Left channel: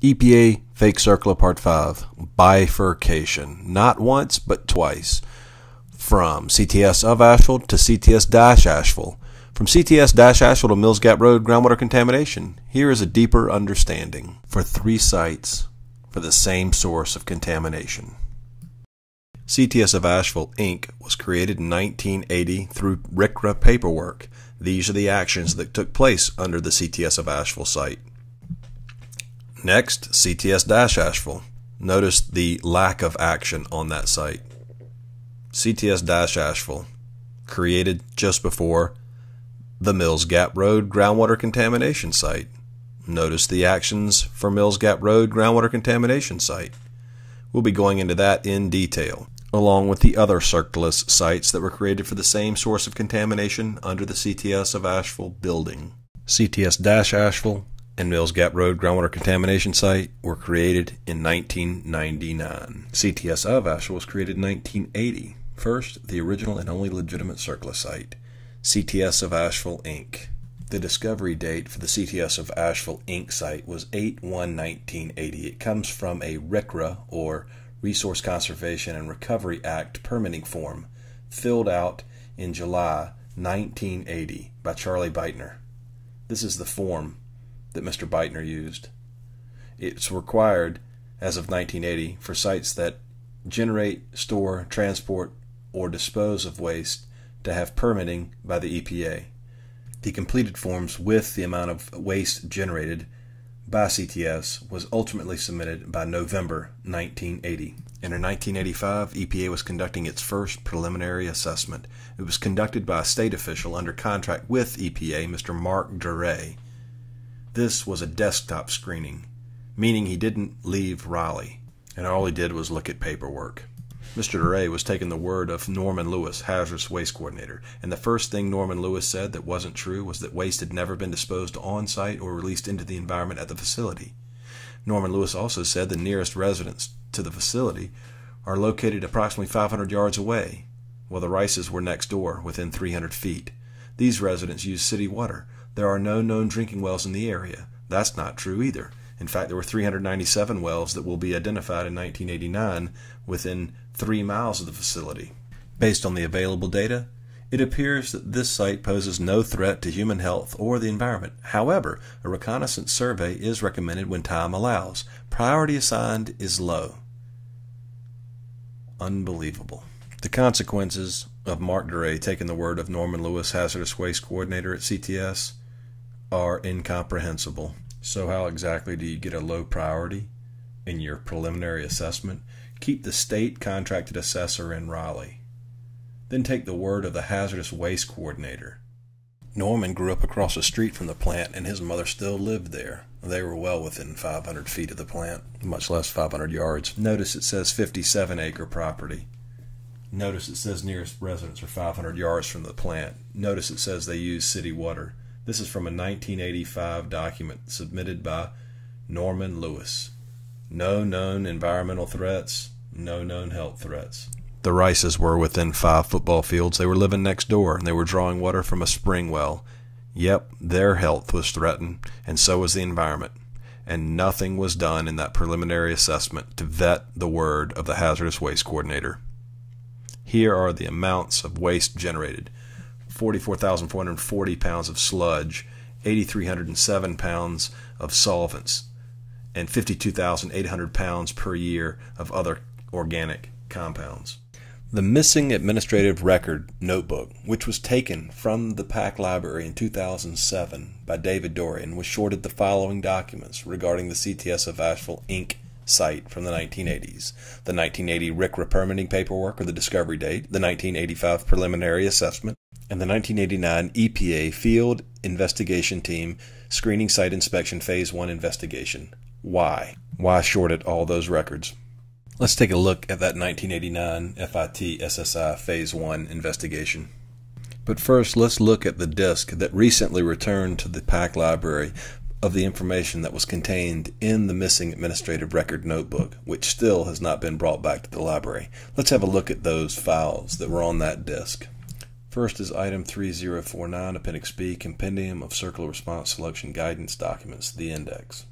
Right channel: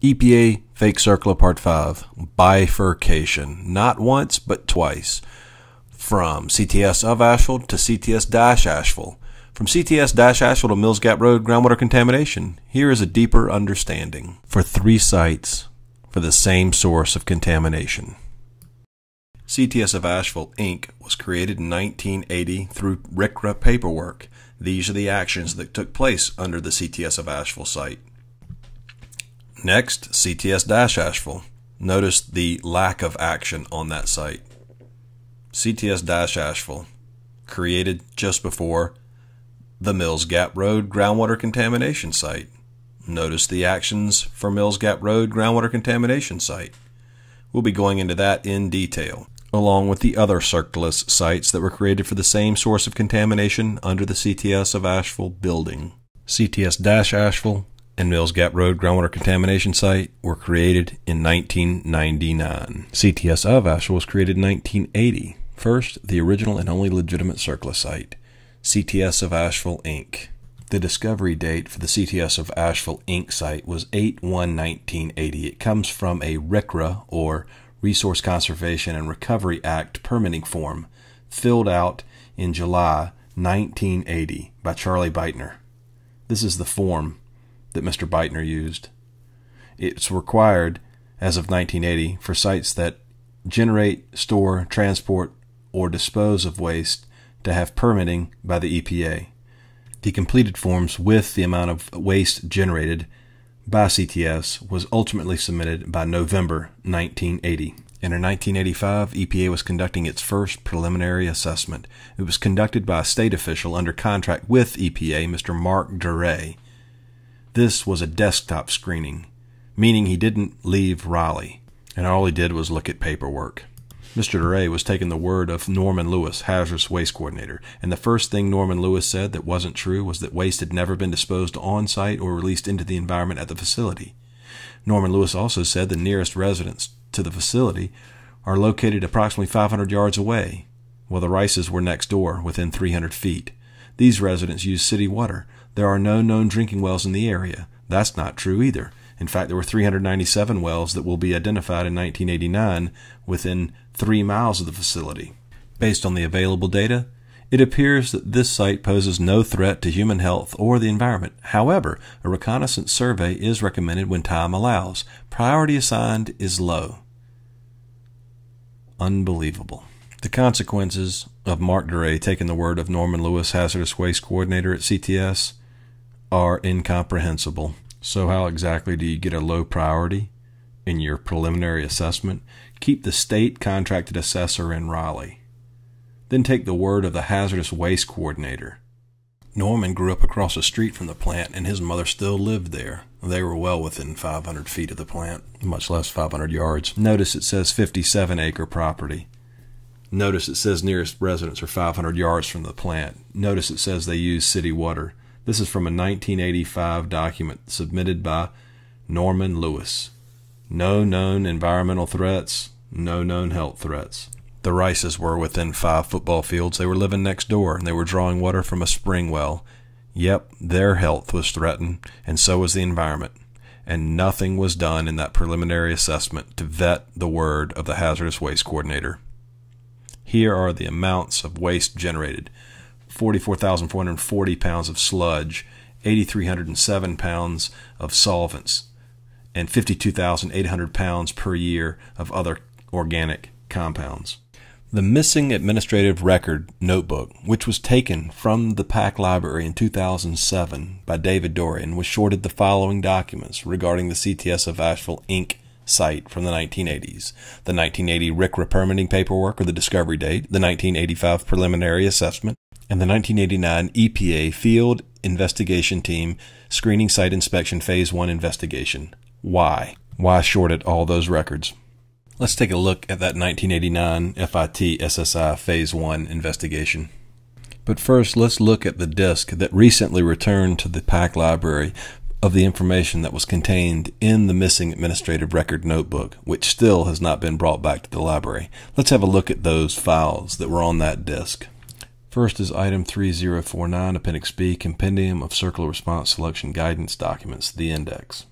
EPA Fake CERCLA Part 5, Bifurcation, not once but twice, from CTS of Asheville to CTS-Asheville, from CTS-Asheville to Mills Gap Road groundwater contamination. Here is a deeper understanding for 3 sites for the same source of contamination. CTS of Asheville, Inc. was created in 1980 through RCRA paperwork. These are the actions that took place under the CTS of Asheville site. Next, CTS-Asheville. Notice the lack of action on that site. CTS-Asheville, created just before the Mills Gap Road groundwater contamination site. Notice the actions for Mills Gap Road groundwater contamination site. We'll be going into that in detail, along with the other CERCLIS sites that were created for the same source of contamination under the CTS of Asheville building. CTS-Asheville and Mills Gap Road groundwater contamination site were created in 1999. CTS of Asheville was created in 1980. First, the original and only legitimate CERCLA site, CTS of Asheville, Inc. The discovery date for the CTS of Asheville, Inc. site was 8/1/1980. It comes from a RCRA, or Resource Conservation and Recovery Act permitting form, filled out in July 1980 by Charlie Beitner. This is the form that Mr. Beitner used. It's required, as of 1980, for sites that generate, store, transport, or dispose of waste to have permitting by the EPA. The completed forms with the amount of waste generated by CTS was ultimately submitted by November 1980. And in 1985, EPA was conducting its first preliminary assessment. It was conducted by a state official under contract with EPA, Mr. Mark Duray. This was a desktop screening, meaning he didn't leave Raleigh, and all he did was look at paperwork. Mr. Duray was taking the word of Norman Lewis, hazardous waste coordinator, and the first thing Norman Lewis said that wasn't true was that waste had never been disposed on-site or released into the environment at the facility. Norman Lewis also said the nearest residents to the facility are located approximately 500 yards away, while the Rices were next door, within 300 feet. These residents use city water. There are no known drinking wells in the area. That's not true either. In fact, there were 397 wells that will be identified in 1989 within 3 miles of the facility. Based on the available data, it appears that this site poses no threat to human health or the environment. However, a reconnaissance survey is recommended when time allows. Priority assigned is low. Unbelievable. The consequences of Mark Duray taking the word of Norman Lewis, hazardous waste coordinator at CTS, are incomprehensible. So how exactly do you get a low priority in your preliminary assessment? Keep the state contracted assessor in Raleigh. Then take the word of the hazardous waste coordinator. Norman grew up across the street from the plant, and his mother still lived there. They were well within 500 feet of the plant, much less 500 yards. Notice it says 57-acre property. Notice it says nearest residents are 500 yards from the plant. Notice it says they use city water. This is from a 1985 document submitted by Norman Lewis. No known environmental threats, no known health threats. The Rices were within 5 football fields. They were living next door, and they were drawing water from a spring well. Yep, their health was threatened, and so was the environment. And nothing was done in that preliminary assessment to vet the word of the hazardous waste coordinator. Here are the amounts of waste generated. 44,440 pounds of sludge, 8,307 pounds of solvents, and 52,800 pounds per year of other organic compounds. The missing administrative record notebook, which was taken from the PAC library in 2007 by David Dorian, was shorted the following documents regarding the CTS of Asheville, Inc. site from the 1980s. The 1980 RCRA permitting paperwork, or the discovery date, the 1985 preliminary assessment, and the 1989 EPA Field Investigation Team Screening Site Inspection Phase 1 investigation. Why? Why short it all those records? Let's take a look at that 1989 FIT SSI Phase 1 investigation. But first, let's look at the disk that recently returned to the PAC library of the information that was contained in the missing administrative record notebook, which still has not been brought back to the library. Let's have a look at those files that were on that disk. First is Item 3049, Appendix B, Compendium of CERCLA Response Selection Guidance Documents, the index.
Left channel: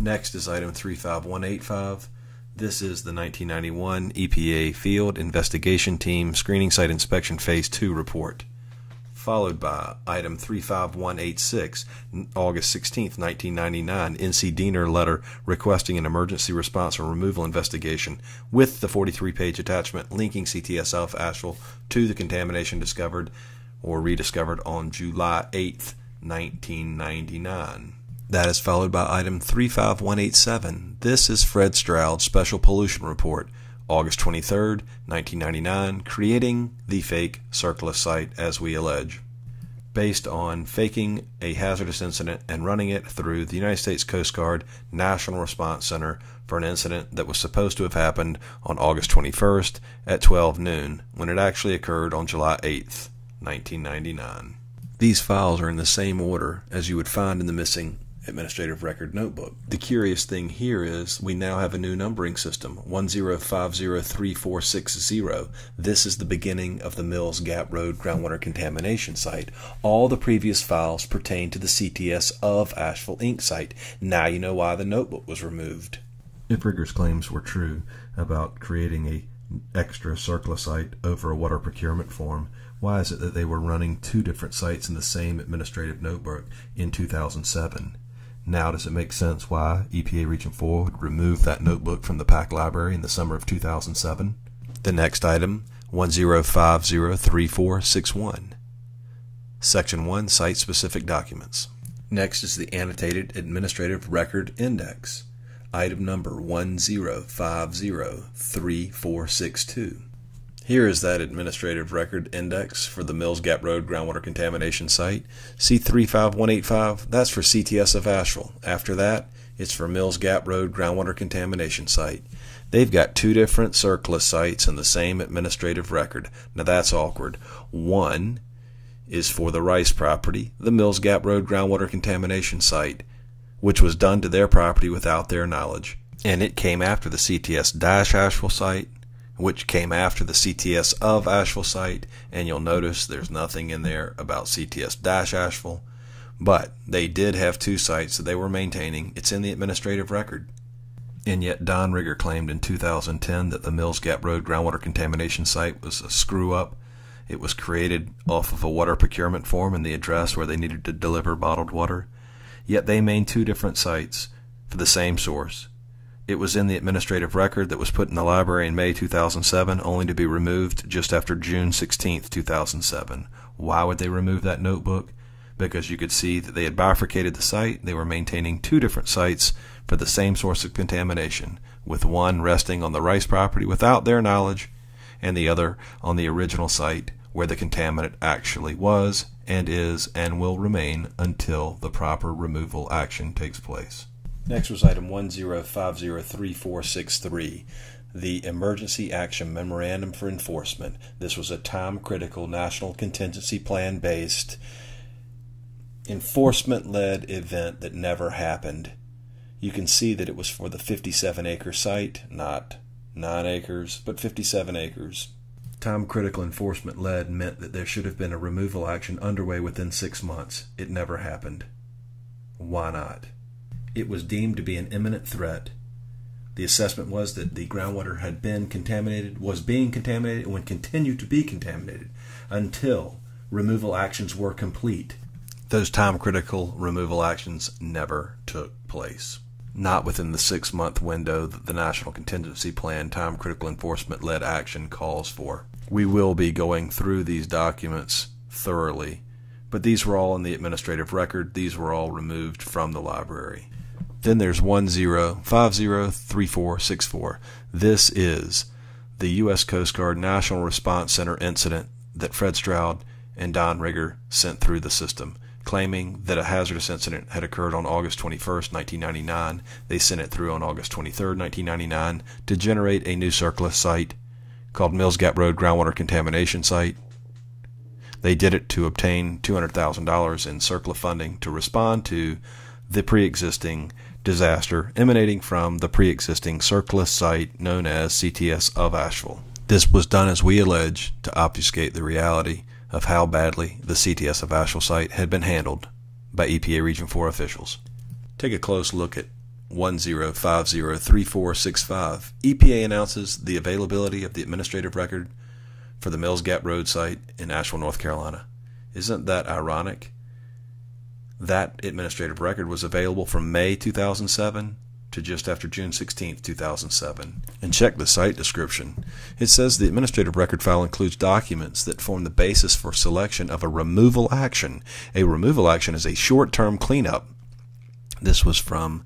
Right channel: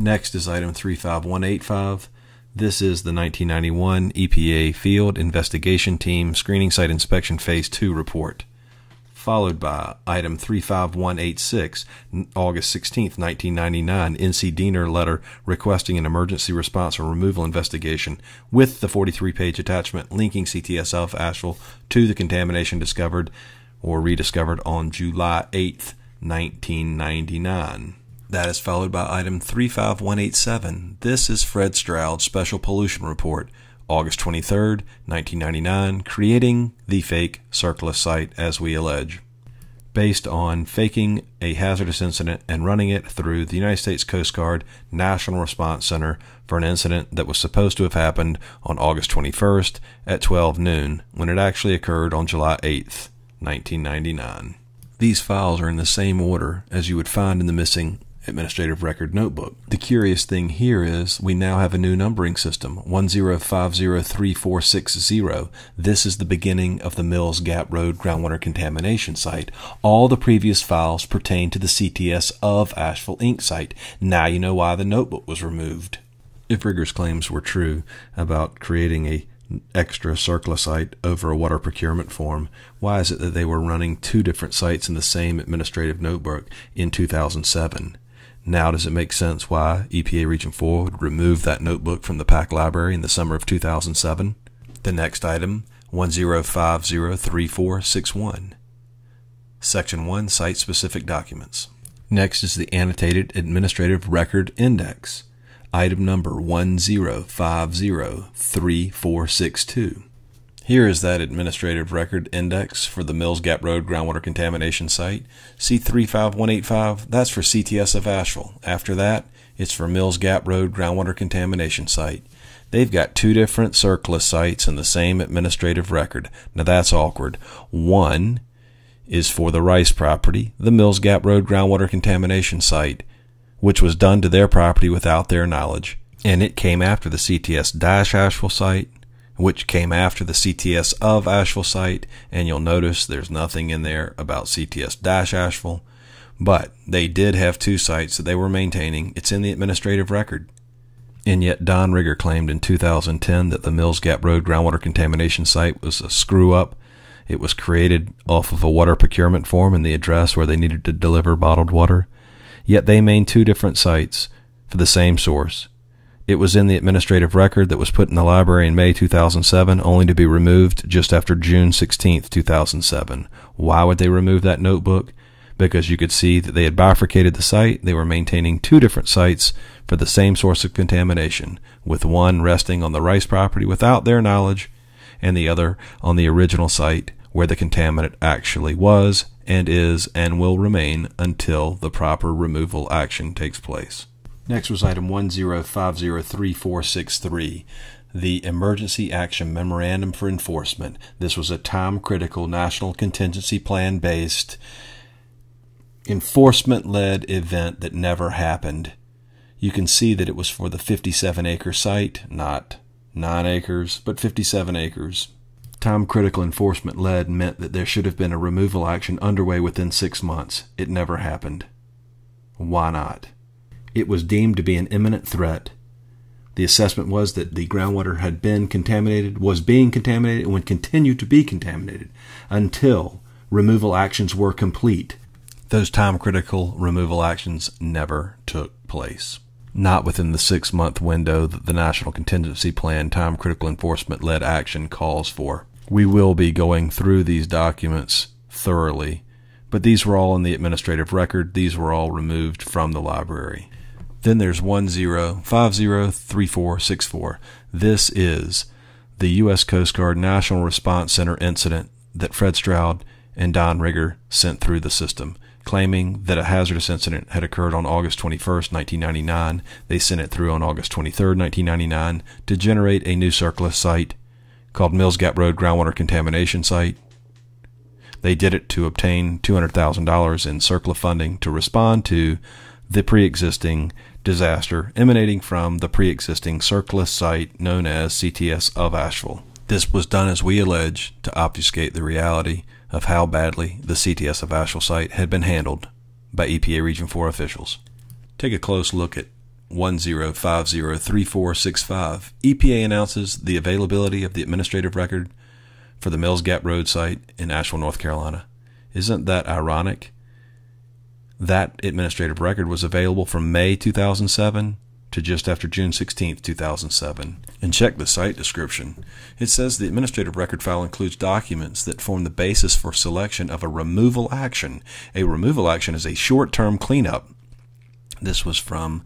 Next is item 35185. This is the 1991 EPA Field Investigation Team Screening Site Inspection Phase 2 report, followed by item 35186, August 16, 1999, NCDENR letter requesting an emergency response or removal investigation with the 43-page attachment linking CTS South Asheville to the contamination discovered or rediscovered on July 8, 1999. That is followed by item 35187. This is Fred Stroud's Special Pollution Report, August 23, 1999, creating the fake CERCLIS site as we allege, based on faking a hazardous incident and running it through the United States Coast Guard National Response Center for an incident that was supposed to have happened on August 21st at 12 noon, when it actually occurred on July 8th, 1999. These files are in the same order as you would find in the missing administrative record notebook. The curious thing here is we now have a new numbering system, 10503460. This is the beginning of the Mills Gap Road groundwater contamination site. All the previous files pertain to the CTS of Asheville Inc. site. Now you know why the notebook was removed. If Rigger's claims were true about creating a extra CERCLA site over a water procurement form, why is it that they were running two different sites in the same administrative notebook in 2007? Now does it make sense why EPA Region 4 would remove that notebook from the PAC library in the summer of 2007? The next item, 10503461. Section 1, Site-Specific Documents. Next is the Annotated Administrative Record Index. Item number 10503462. Here is that administrative record index for the Mills Gap Road groundwater contamination site. C35185, that's for CTS of Asheville. After that, it's for Mills Gap Road groundwater contamination site. They've got two different CERCLIS sites in the same administrative record. Now that's awkward. One is for the Rice property, the Mills Gap Road groundwater contamination site, which was done to their property without their knowledge. And it came after the CTS-Asheville site, which came after the CTS of Asheville site, and you'll notice there's nothing in there about CTS-Asheville, but they did have two sites that they were maintaining. It's in the administrative record. And yet Don Rigger claimed in 2010 that the Mills Gap Road groundwater contamination site was a screw-up. It was created off of a water procurement form and the address where they needed to deliver bottled water. Yet they maintained two different sites for the same source. It was in the administrative record that was put in the library in May 2007, only to be removed just after June 16, 2007. Why would they remove that notebook? Because you could see that they had bifurcated the site. They were maintaining two different sites for the same source of contamination, with one resting on the Rice property without their knowledge, and the other on the original site where the contaminant actually was and is and will remain until the proper removal action takes place. Next was item 10503463, the Emergency Action Memorandum for Enforcement. This was a time-critical National Contingency Plan-based, enforcement-led event that never happened. You can see that it was for the 57-acre site, not 9 acres, but 57 acres. Time-critical enforcement-led meant that there should have been a removal action underway within 6 months. It never happened. Why not? It was deemed to be an imminent threat. The assessment was that the groundwater had been contaminated, was being contaminated, and would continue to be contaminated until removal actions were complete. Those time-critical removal actions never took place. Not within the 6-month window that the National Contingency Plan time-critical enforcement-led action calls for. We will be going through these documents thoroughly, but these were all in the administrative record. These were all removed from the library. Then there's 10503464. This is the U.S. Coast Guard National Response Center incident that Fred Stroud and Don Rigger sent through the system, claiming that a hazardous incident had occurred on August 21st, 1999. They sent it through on August 23rd, 1999 to generate a new CERCLIS site called Mills Gap Road Groundwater Contamination Site. They did it to obtain $200,000 in CERCLA funding to respond to the pre-existing disaster emanating from the pre-existing CERCLIS site known as CTS of Asheville. This was done, as we allege, to obfuscate the reality of how badly the CTS of Asheville site had been handled by EPA Region 4 officials. Take a close look at 10503465, EPA announces the availability of the administrative record for the Mills Gap Road site in Asheville, North Carolina. Isn't that ironic? That administrative record was available from May 2007 to just after June 16, 2007. And check the site description. It says the administrative record file includes documents that form the basis for selection of a removal action. A removal action is a short-term cleanup. This was from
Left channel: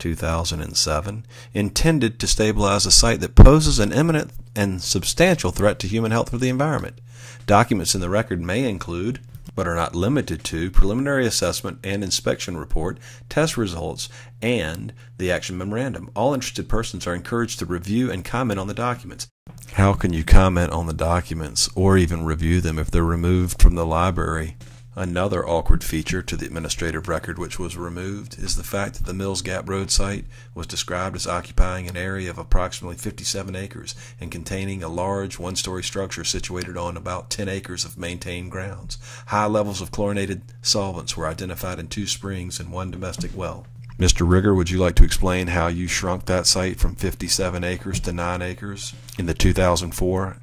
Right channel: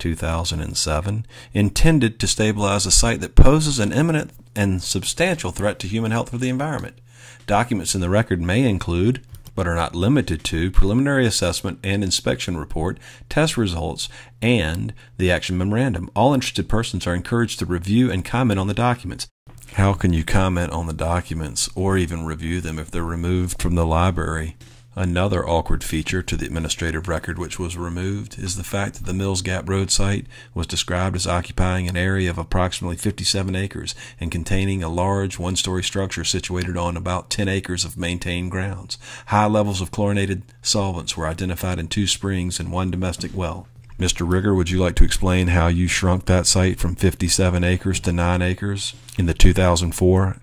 2007, intended to stabilize a site that poses an imminent and substantial threat to human health or the environment. Documents in the record may include, but are not limited to, preliminary assessment and inspection report, test results, and the action memorandum. All interested persons are encouraged to review and comment on the documents. How can you comment on the documents or even review them if they're removed from the library? Another awkward feature to the administrative record which was removed is the fact that the Mills Gap Road site was described as occupying an area of approximately 57 acres and containing a large one-story structure situated on about 10 acres of maintained grounds. High levels of chlorinated solvents were identified in 2 springs and 1 domestic well. Mr. Rigger, would you like to explain how you shrunk that site from 57 acres to 9 acres in the 2004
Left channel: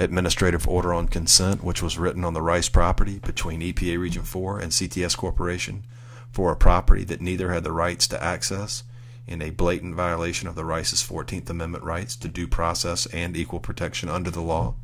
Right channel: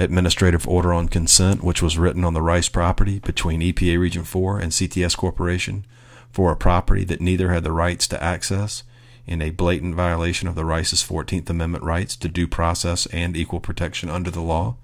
Administrative Order on Consent, which was written on the Rice property between EPA Region 4 and CTS Corporation for a property that neither had the rights to access, in a blatant violation of the Rice's 14th Amendment rights to due process and equal protection under the law?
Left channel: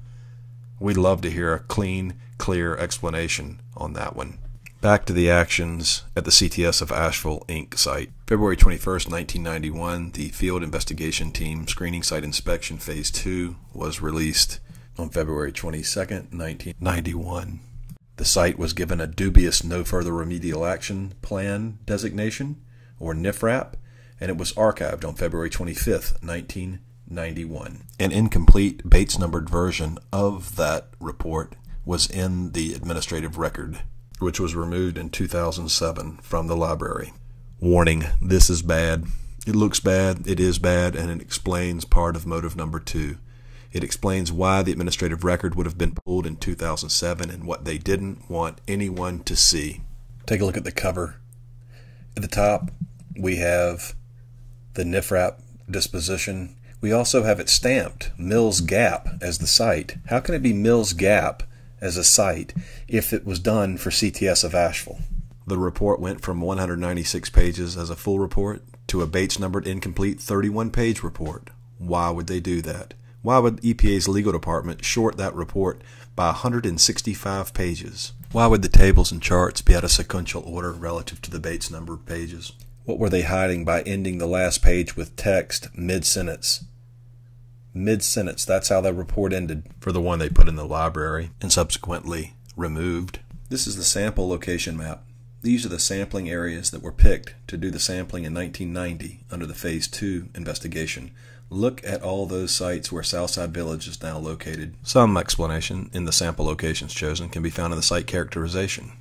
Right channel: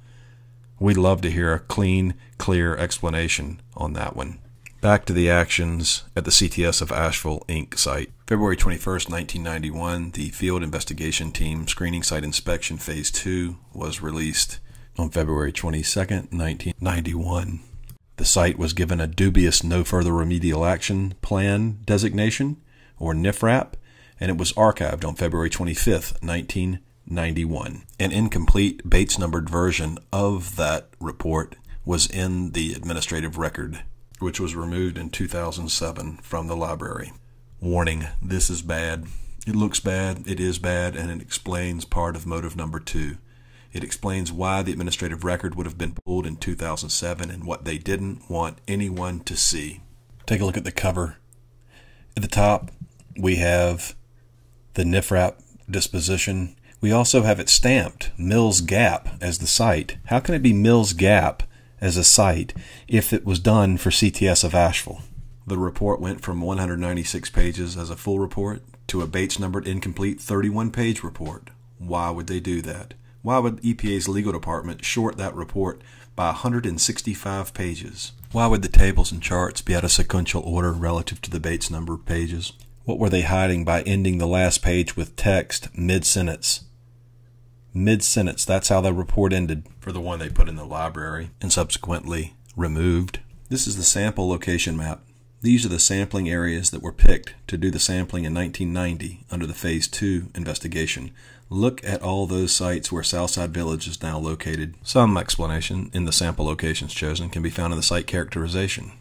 We'd love to hear a clean, clear explanation on that one. Back to the actions at the CTS of Asheville, Inc. site. February 21st, 1991, the Field Investigation Team Screening Site Inspection Phase 2 was released. On February 22nd, 1991, the site was given a dubious no further remedial action plan designation, or NFRAP, and it was archived on February 25th, 1991. An incomplete Bates-numbered version of that report was in the administrative record, which was removed in 2007 from the library. Warning, this is bad. It looks bad, it is bad, and it explains part of motive number 2. It explains why the administrative record would have been pulled in 2007 and what they didn't want anyone to see. Take a look at the cover. At the top, we have the NFRAP disposition. We also have it stamped, Mills Gap, as the site. How can it be Mills Gap as a site if it was done for CTS of Asheville? The report went from 196 pages as a full report to a Bates-numbered incomplete 31-page report. Why would they do that? Why would EPA's legal department short that report by 165 pages? Why would the tables and charts be out of sequential order relative to the Bates number pages? What were they hiding by ending the last page with text mid-sentence? Mid-sentence, that's how the report ended for the one they put in the library and subsequently removed. This is the sample location map. These are the sampling areas that were picked to do the sampling in 1990 under the Phase 2 investigation. Look at all those sites where Southside Village is now located. Some explanation in the sample locations chosen can be found in the site characterization.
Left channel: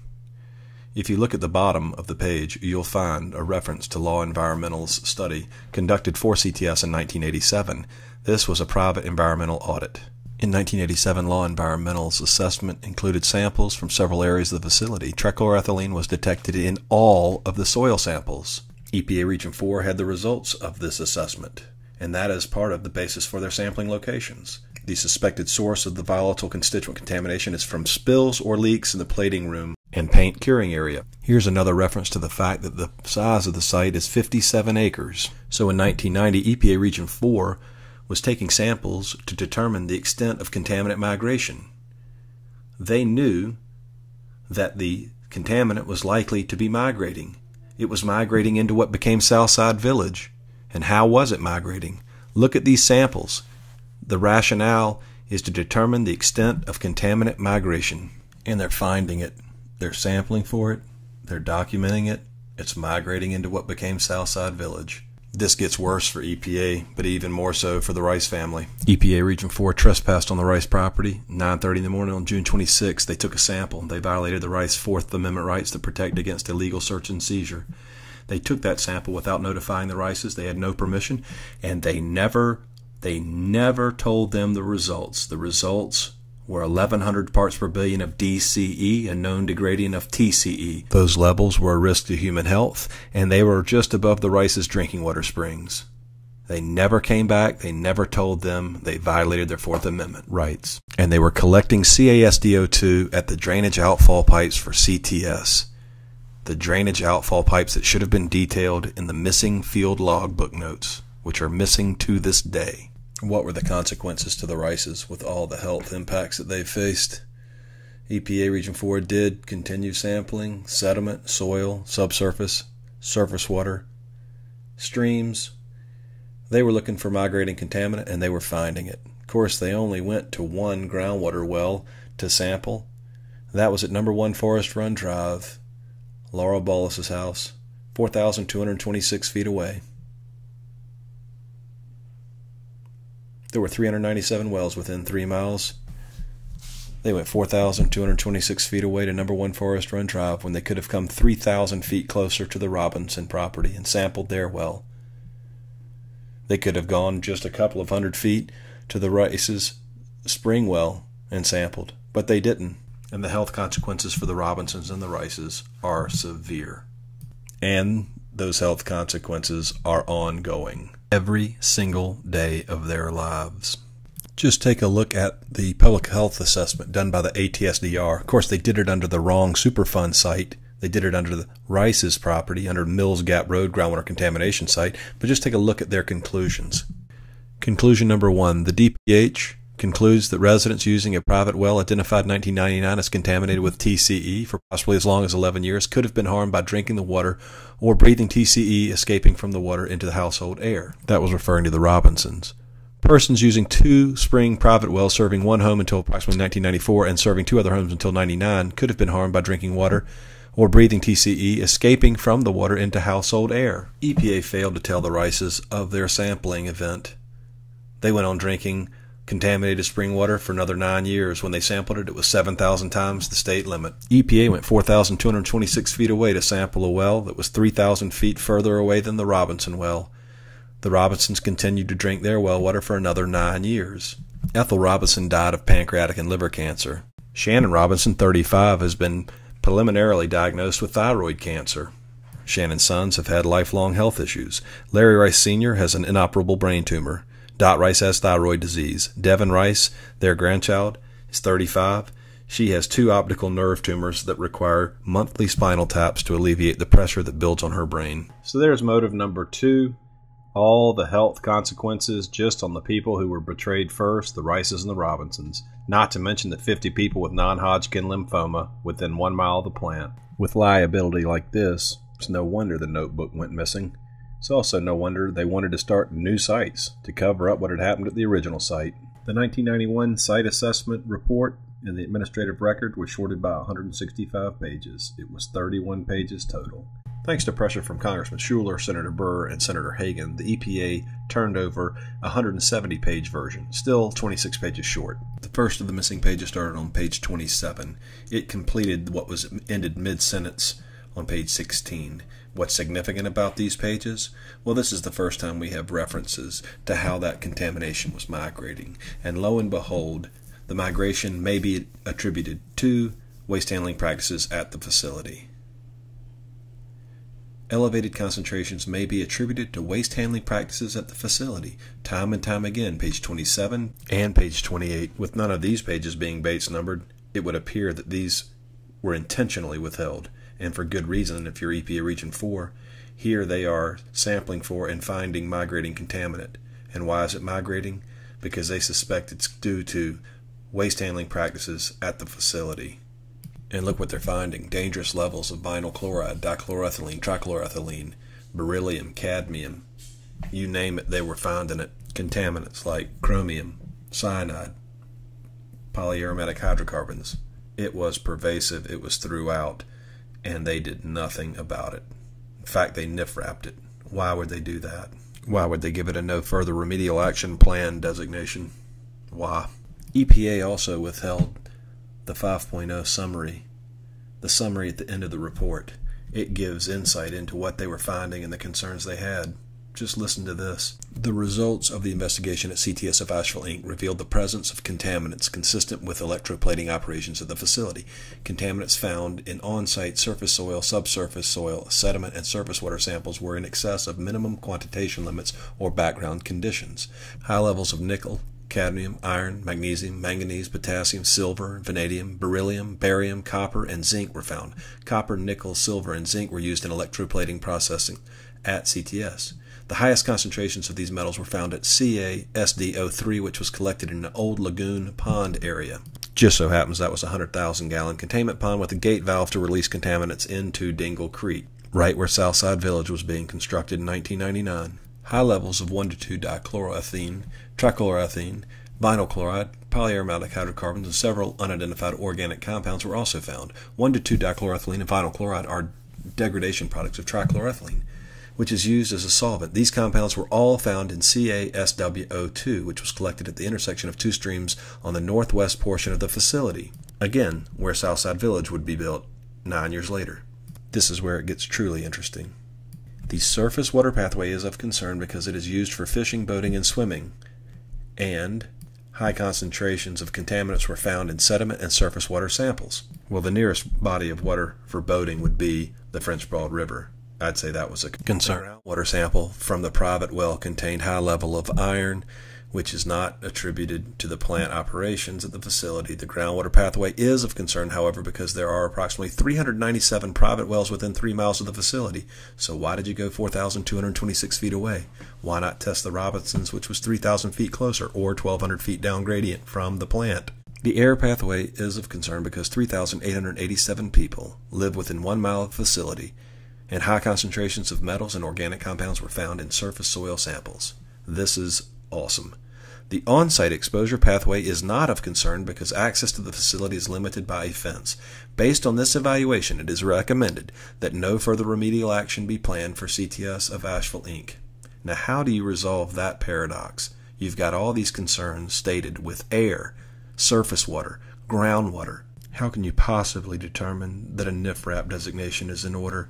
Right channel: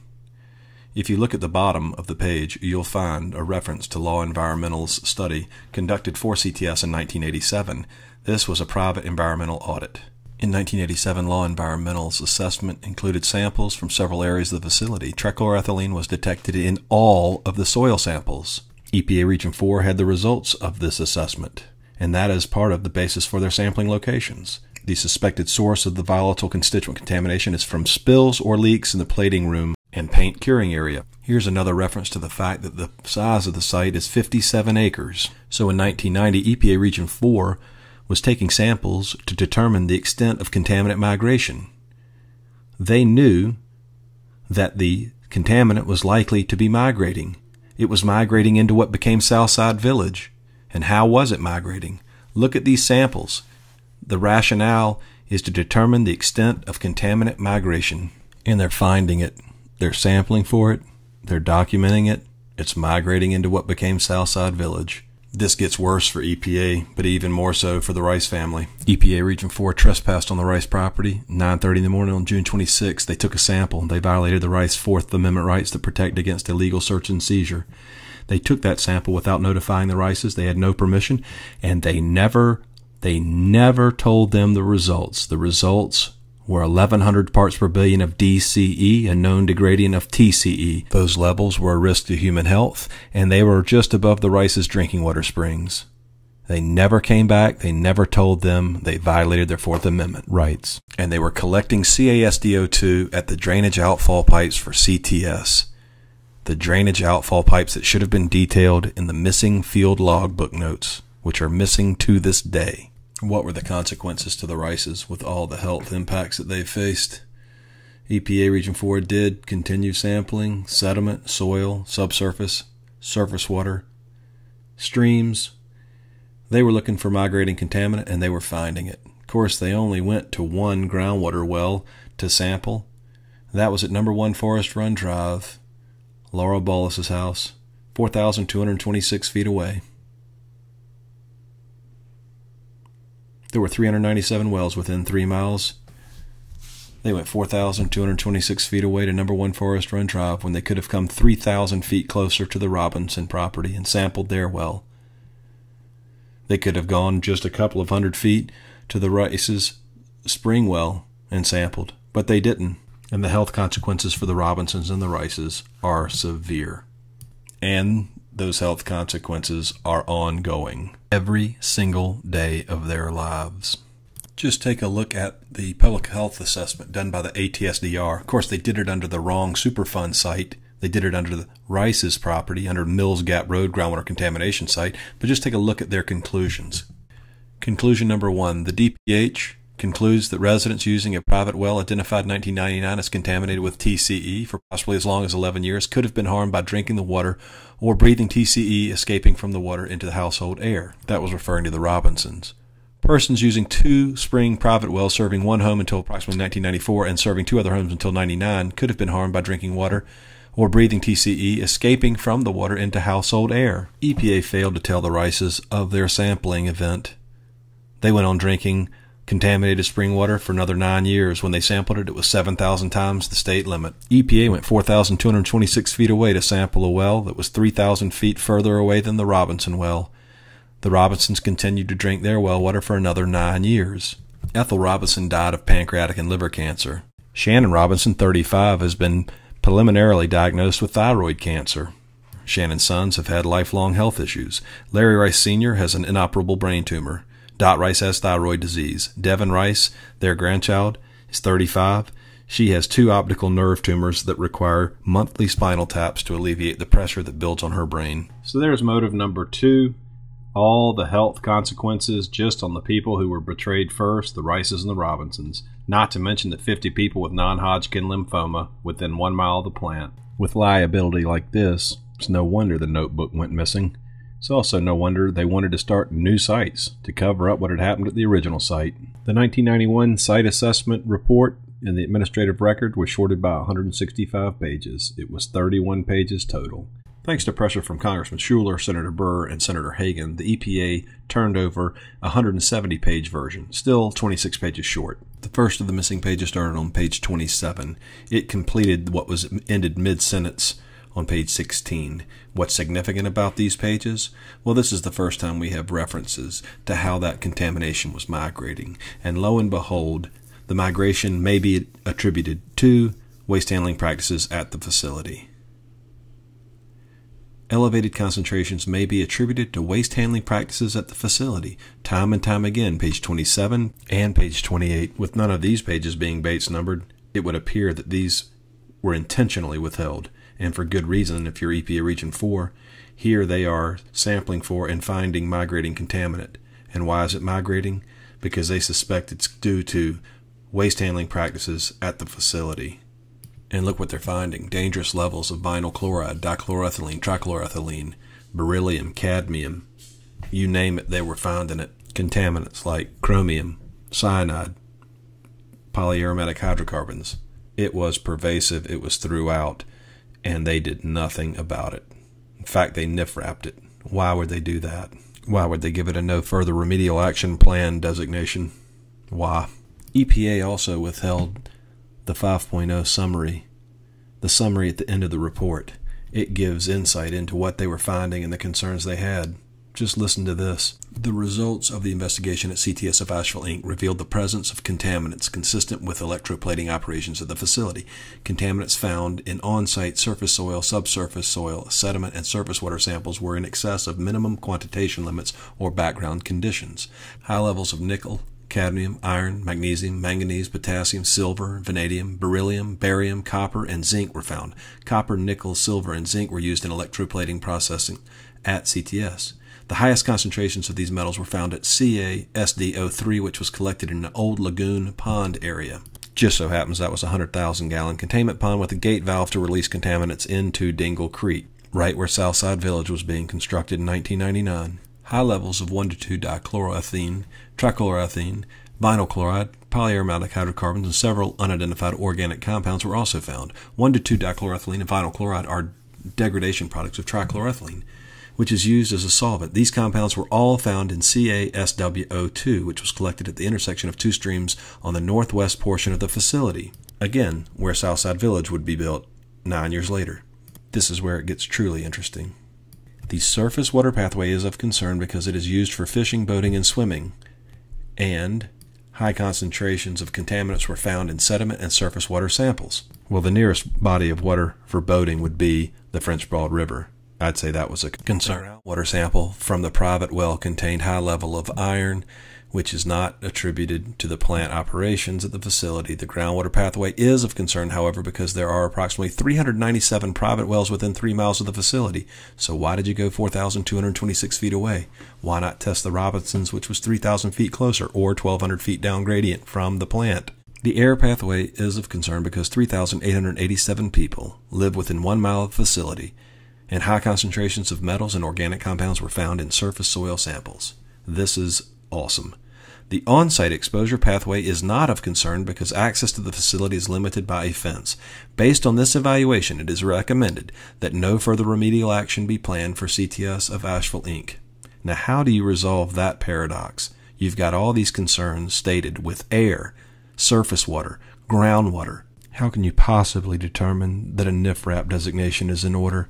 If you look at the bottom of the page, you'll find a reference to Law Environmental's study conducted for CTS in 1987. This was a private environmental audit. In 1987, Law Environmental's assessment included samples from several areas of the facility. Trichloroethylene was detected in all of the soil samples. EPA Region 4 had the results of this assessment, and that is part of the basis for their sampling locations. The suspected source of the volatile constituent contamination is from spills or leaks in the plating room and paint curing area. Here's another reference to the fact that the size of the site is 57 acres. So in 1990, EPA Region 4 was taking samples to determine the extent of contaminant migration. They knew that the contaminant was likely to be migrating. It was migrating into what became Southside Village. And how was it migrating? Look at these samples. The rationale is to determine the extent of contaminant migration. And they're finding it. They're sampling for it. They're documenting it. It's migrating into what became Southside Village. This gets worse for EPA, but even more so for the Rice family. EPA Region 4 trespassed on the Rice property. 9:30 in the morning on June 26, they took a sample. They violated the Rice 4th Amendment rights that protect against illegal search and seizure. They took that sample without notifying the Rices. They had no permission, and they never told them the results. The results were 1,100 parts per billion of DCE and known degradient of TCE. Those levels were a risk to human health, and they were just above the Rice's drinking water springs. They never came back. They never told them they violated their Fourth Amendment rights. And they were collecting CaSDO2 at the drainage outfall pipes for CTS. The drainage outfall pipes that should have been detailed in the missing field logbook notes, which are missing to this day. What were the consequences to the Rices with all the health impacts that they faced? EPA Region 4 did continue sampling sediment, soil, subsurface, surface water, streams. They were looking for migrating contaminant, and they were finding it. Of course, they only went to one groundwater well to sample. That was at number 1 Forest Run Drive, Laura Bollis's house, 4,226 feet away. There were 397 wells within 3 miles. They went 4,226 feet away to number 1 Forest Run Drive when they could have come 3,000 feet closer to the Robinson property and sampled their well. They could have gone just a couple of hundred feet to the Rice's spring well and sampled, but they didn't. And the health consequences for the Robinsons and the Rices are severe. And those health consequences are ongoing every single day of their lives. Just take a look at the public health assessment done by the ATSDR. Of course, they did it under the wrong Superfund site. They did it under the Rice's property, under Mills Gap Road groundwater contamination site. But just take a look at their conclusions. Conclusion number 1, the DPH concludes that residents using a private well identified in 1999 as contaminated with TCE for possibly as long as 11 years could have been harmed by drinking the water or breathing TCE escaping from the water into the household air. That was referring to the Robinsons. Persons using 2 spring private wells serving one home until approximately 1994 and serving 2 other homes until 99 could have been harmed by drinking water or breathing TCE escaping from the water into household air. EPA failed to tell the Rices of their sampling event. They went on drinking contaminated spring water for another 9 years. When they sampled it, it was 7,000 times the state limit. EPA went 4,226 feet away to sample a well that was 3,000 feet further away than the Robinson well. The Robinsons continued to drink their well water for another 9 years. Ethel Robinson died of pancreatic and liver cancer. Shannon Robinson, 35, has been preliminarily diagnosed with thyroid cancer. Shannon's sons have had lifelong health issues. Larry Rice Sr. has an inoperable brain tumor. Dot Rice has thyroid disease. Devin Rice, their grandchild, is 35. She has 2 optical nerve tumors that require monthly spinal taps to alleviate the pressure that builds on her brain. So there's motive number 2. All the health consequences just on the people who were betrayed first, the Rices and the Robinsons. Not to mention the 50 people with non-Hodgkin lymphoma within 1 mile of the plant. With liability like this, it's no wonder the notebook went missing. It's also no wonder they wanted to start new sites to cover up what had happened at the original site. The 1991 site assessment report in the administrative record was shorted by 165 pages. It was 31 pages total. Thanks to pressure from Congressman Schuler, Senator Burr, and Senator Hagan, the EPA turned over a 170-page version, still 26 pages short. The first of the missing pages started on page 27. It completed what was ended mid-sentence on page 16. What's significant about these pages? Well, this is the first time we have references to how that contamination was migrating. And lo and behold, the migration may be attributed to waste handling practices at the facility. Elevated concentrations may be attributed to waste handling practices at the facility. Time and time again, page 27 and page 28. With none of these pages being Bates numbered, it would appear that these were intentionally withheld. And for good reason if you're EPA Region 4. Here they are sampling for and finding migrating contaminant. And why is it migrating? Because they suspect it's due to waste handling practices at the facility. And look what they're finding. Dangerous levels of vinyl chloride, dichloroethylene, trichloroethylene, beryllium, cadmium. You name it, they were finding it. Contaminants like chromium, cyanide, polyaromatic hydrocarbons. It was pervasive. It was throughout. And they did nothing about it. In fact, they NIF-wrapped it. Why would they do that? Why would they give it a no further remedial action plan designation? Why? EPA also withheld the 5.0 summary, the summary at the end of the report. It gives insight into what they were finding and the concerns they had. Just listen to this. The results of the investigation at CTS of Asheville, Inc. revealed the presence of contaminants consistent with electroplating operations at the facility. Contaminants found in on-site surface soil, subsurface soil, sediment, and surface water samples were in excess of minimum quantitation limits or background conditions. High levels of nickel, cadmium, iron, magnesium, manganese, potassium, silver, vanadium, beryllium, barium, copper, and zinc were found. Copper, nickel, silver, and zinc were used in electroplating processing at CTS. The highest concentrations of these metals were found at CaSdO3, which was collected in an old lagoon pond area. Just so happens that was a 100,000-gallon containment pond with a gate valve to release contaminants into Dingle Creek, right where Southside Village was being constructed in 1999. High levels of 1,2-dichloroethene, trichloroethene, vinyl chloride, polyaromatic hydrocarbons, and several unidentified organic compounds were also found. 1,2-dichloroethylene and vinyl chloride are degradation products of trichloroethylene, which is used as a solvent. These compounds were all found in CaSWO2, which was collected at the intersection of two streams on the northwest portion of the facility, again, where Southside Village would be built 9 years later. This is where it gets truly interesting. The surface water pathway is of concern because it is used for fishing, boating, and swimming, and high concentrations of contaminants were found in sediment and surface water samples. Well, the nearest body of water for boating would be the French Broad River. I'd say that was a concern. Water sample from the private well contained high level of iron, which is not attributed to the plant operations at the facility. The groundwater pathway is of concern, however, because there are approximately 397 private wells within 3 miles of the facility. So why did you go 4,226 feet away? Why not test the Robinsons, which was 3,000 feet closer, or 1,200 feet down gradient from the plant? The air pathway is of concern because 3,887 people live within 1 mile of the facility, and high concentrations of metals and organic compounds were found in surface soil samples. This is awesome. The on-site exposure pathway is not of concern because access to the facility is limited by a fence. Based on this evaluation, it is recommended that no further remedial action be planned for CTS of Asheville, Inc. Now, how do you resolve that paradox? You've got all these concerns stated with air, surface water, groundwater. How can you possibly determine that a NIFRAP designation is in order?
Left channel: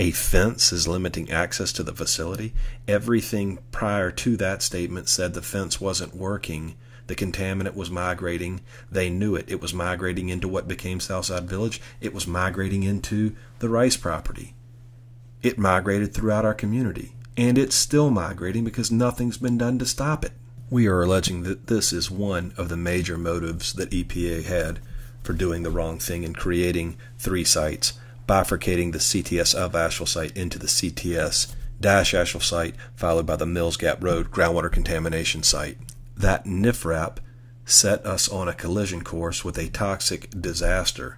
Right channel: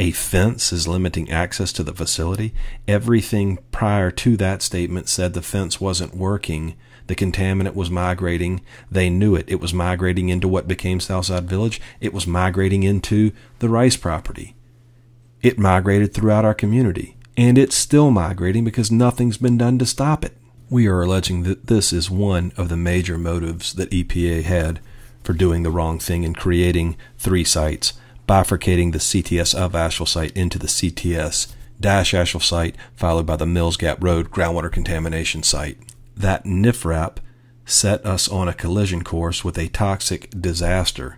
A fence is limiting access to the facility. Everything prior to that statement said the fence wasn't working. The contaminant was migrating. They knew it. It was migrating into what became Southside Village. It was migrating into the Rice property. It migrated throughout our community. And it's still migrating because nothing's been done to stop it. We are alleging that this is one of the major motives that EPA had for doing the wrong thing and creating 3 sites, bifurcating the CTS of Asheville site into the CTS-Asheville site, followed by the Mills Gap Road groundwater contamination site. That NIFRAP set us on a collision course with a toxic disaster.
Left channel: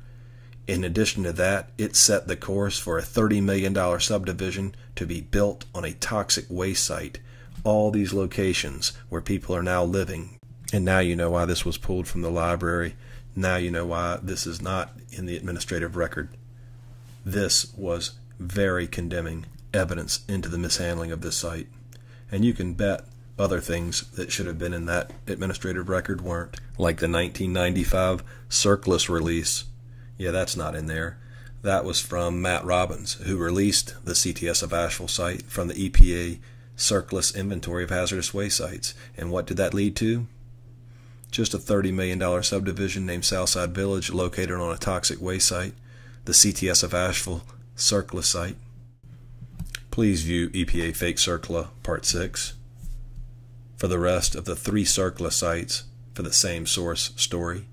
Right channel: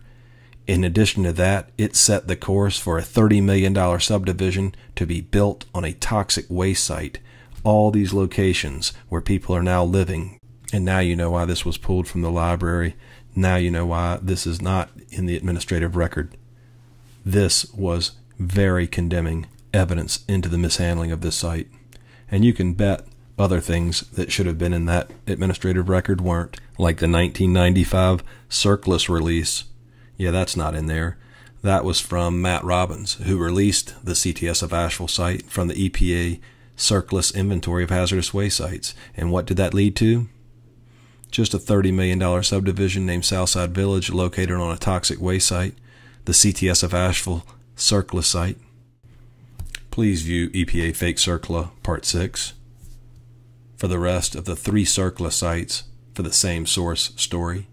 In addition to that, it set the course for a $30 million subdivision to be built on a toxic waste site. All these locations where people are now living. And now you know why this was pulled from the library. Now you know why this is not in the administrative record. This was very condemning evidence into the mishandling of this site. And you can bet other things that should have been in that administrative record weren't, like the 1995 CERCLIS release. Yeah, that's not in there. That was from Matt Robbins, who released the CTS of Asheville site from the EPA CERCLIS inventory of hazardous waste sites. And what did that lead to? Just a $30 million subdivision named Southside Village located on a toxic waste site, the CTS of Asheville CERCLA site. Please view EPA Fake CERCLA Part 6 for the rest of the 3 CERCLA sites for the same source story.